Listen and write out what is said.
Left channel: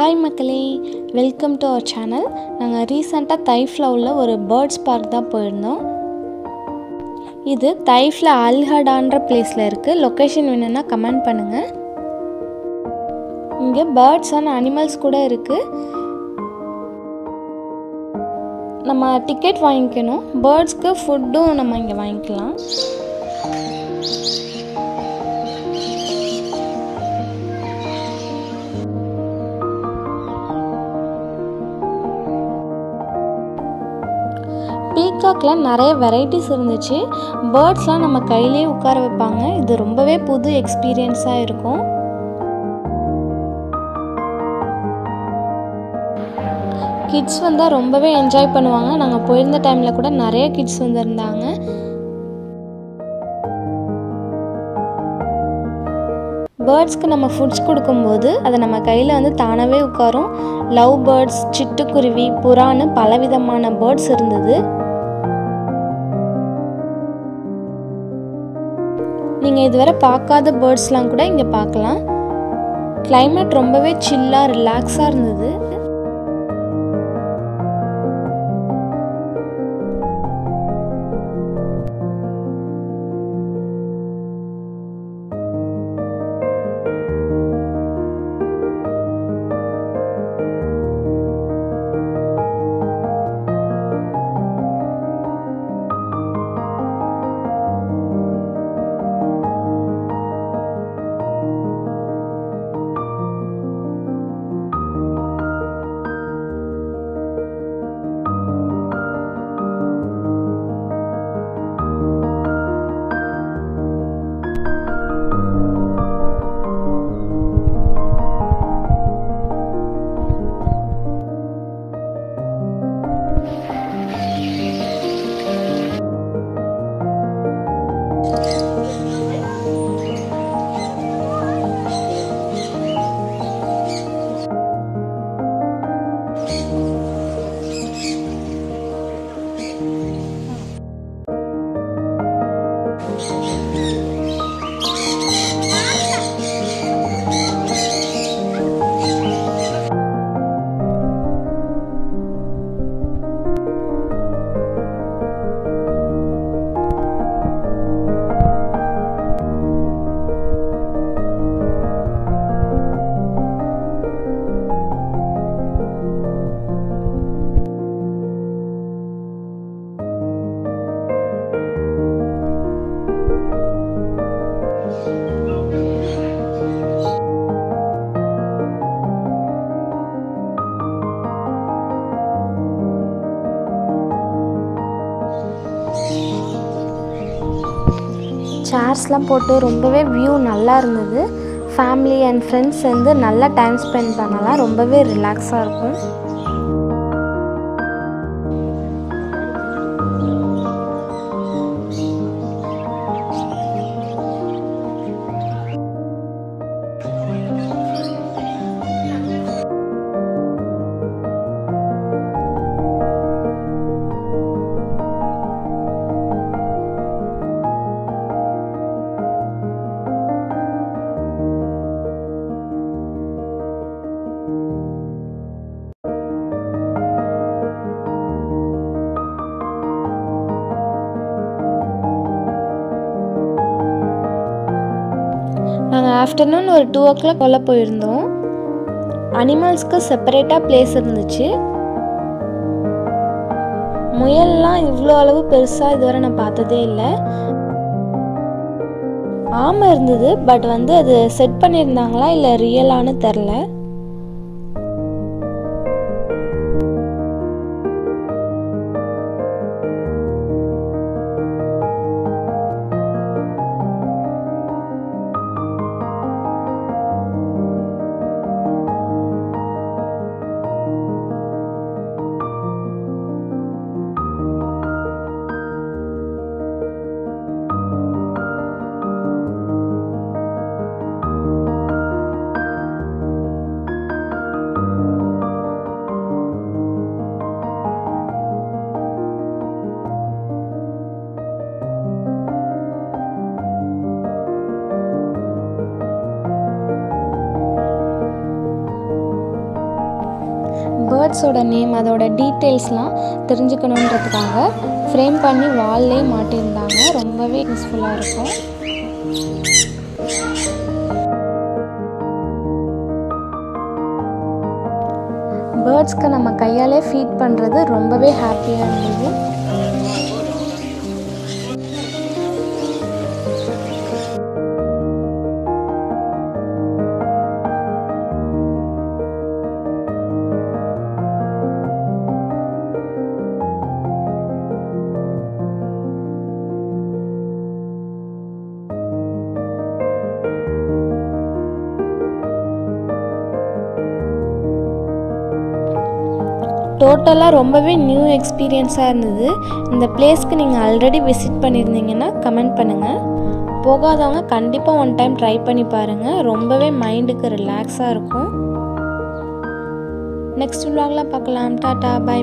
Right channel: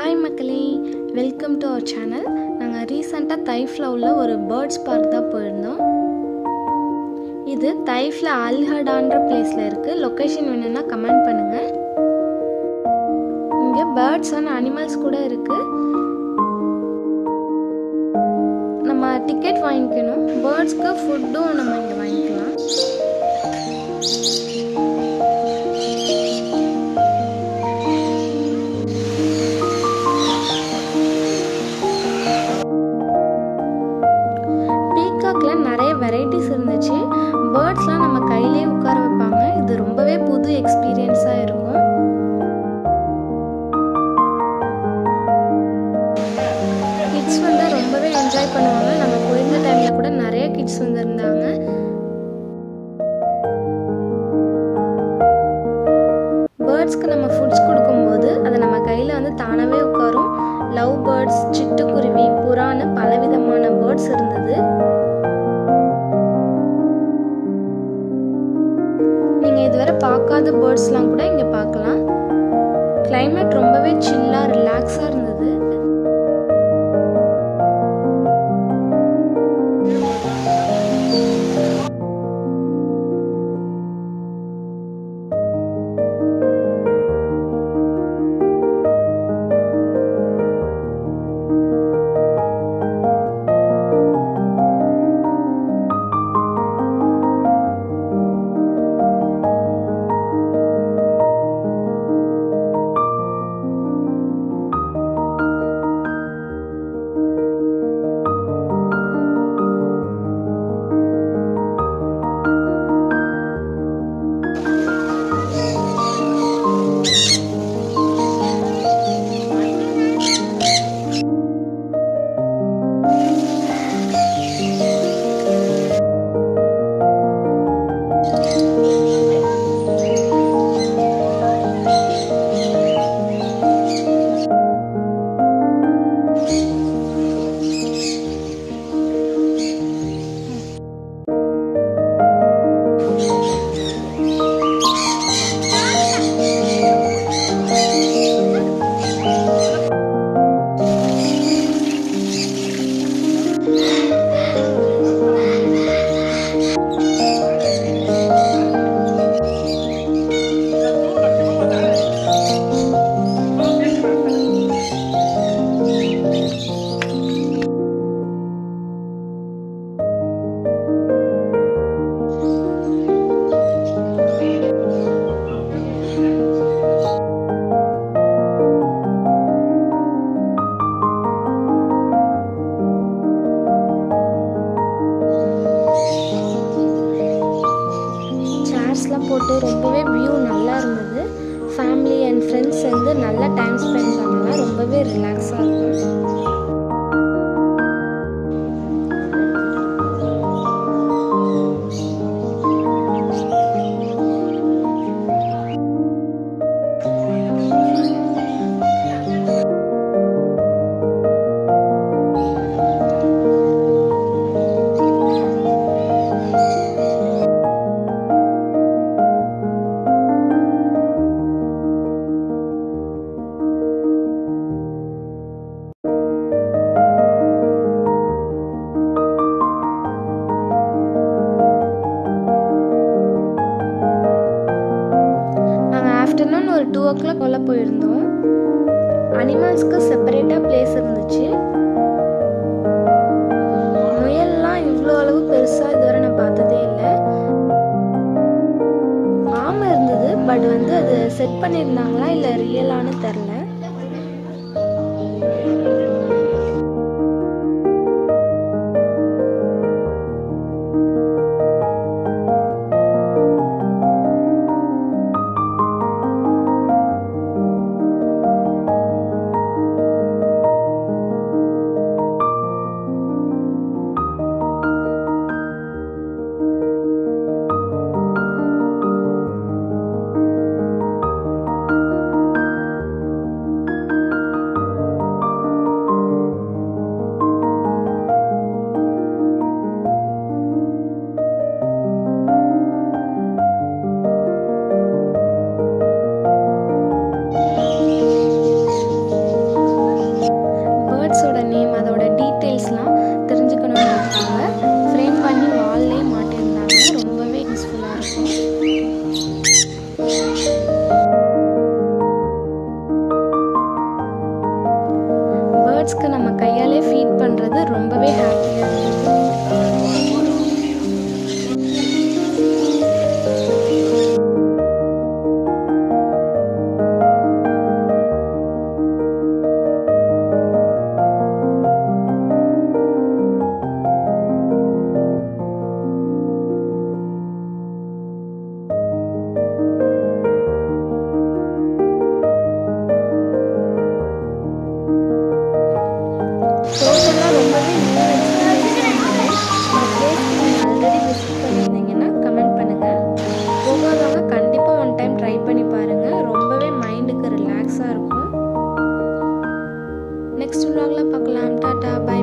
Hi மக்களே, welcome to our channel. நாங்கள் ரீசெண்டாக தைஃப்ல உள்ள ஒரு பேர்ட்ஸ் பார்க் தான் போயிருந்தோம். இது தைஃப்ல அல்ஹடான்ற பிளேஸில் இருக்குது. லொக்கேஷன் வேணும்னா கமெண்ட் பண்ணுங்கள். இங்கே பேர்ட்ஸ் அண்ட் அனிமல்ஸ் கூட இருக்குது. நம்ம டிக்கெட் வாங்கிக்கணும். பேர்ட்ஸ்க்கு ஃபுட்டும் நம்ம இங்கே வாங்கிக்கலாம். பீகாக்கில் நிறைய வெரைட்டிஸ் இருந்துச்சு. பேர்ட்ஸ்லாம் நம்ம கையிலே உட்கார வைப்பாங்க. இது ரொம்பவே புது எக்ஸ்பீரியன்ஸாக இருக்கும். கிட்ஸ் வந்தால் ரொம்பவே என்ஜாய் பண்ணுவாங்க. நாங்கள் போயிருந்த டைமில் கூட நிறைய கிட்ஸ் வந்துருந்தாங்க. பேர்ட்ஸ்க்கு நம்ம ஃபுட்ஸ் கொடுக்கும்போது அதை நம்ம கையில் வந்து தானாகவே உட்காரும். லவ் பேர்ட்ஸ், சிட்டுக்குருவி, புறான்னு பலவிதமான பேர்ட்ஸ் இருந்தது. நீங்கள் இதுவரை பார்க்காத பேர்ட்ஸ்லாம் கூட இங்கே பார்க்கலாம். கிளைமேட் ரொம்பவே சில்லாக ரிலாக்ஸாக இருந்தது. சேர்ஸ்லாம் போட்டு ரொம்பவே வியூ நல்லா இருந்தது. ஃபேமிலி அண்ட் ஃப்ரெண்ட்ஸ் வந்து நல்லா டைம் ஸ்பெண்ட் பண்ணலாம். ரொம்பவே ரிலாக்ஸாக இருக்கும். நாங்கள் ஆஃப்டர்நூன் ஒரு 2 o'clock போல் போயிருந்தோம். அனிமல்ஸ்க்கு செப்பரேட்டாக பிளேஸ் இருந்துச்சு. முயல்லாம் இவ்வளோ அளவு பெருசாக இதுவரை நான் பார்த்ததே இல்லை. ஆமை இருந்தது, பட் வந்து அது செட் பண்ணியிருந்தாங்களா இல்லை ரியலானு தெரில. பேர்ட்ஸோட நேம் அதோட டீட்டெயில்ஸ்லாம் தெரிஞ்சுக்கணுன்றதுக்காக ஃப்ரேம் பண்ணி வால்லே மாட்டியிருந்தாங்க. ரொம்பவே யூஸ்ஃபுல்லாக இருக்கும். பேர்ட்ஸ்க்கு நம்ம கையாலே ஃபீட் பண்ணுறது ரொம்பவே ஹாப்பியாக இருந்தது. டோட்டலாக ரொம்பவே நியூ எக்ஸ்பீரியன்ஸாக இருந்தது. இந்த பிளேஸ்க்கு நீங்கள் ஆல்ரெடி விசிட் பண்ணியிருந்தீங்கன்னா கமெண்ட் பண்ணுங்கள். போகாதவங்க கண்டிப்பாக ஒன் டைம் ட்ரை பண்ணி பாருங்கள். ரொம்பவே மைண்டுக்கு ரிலாக்ஸாக இருக்கும். நெக்ஸ்ட் vlogல பார்க்கலாம். டாடா, பை.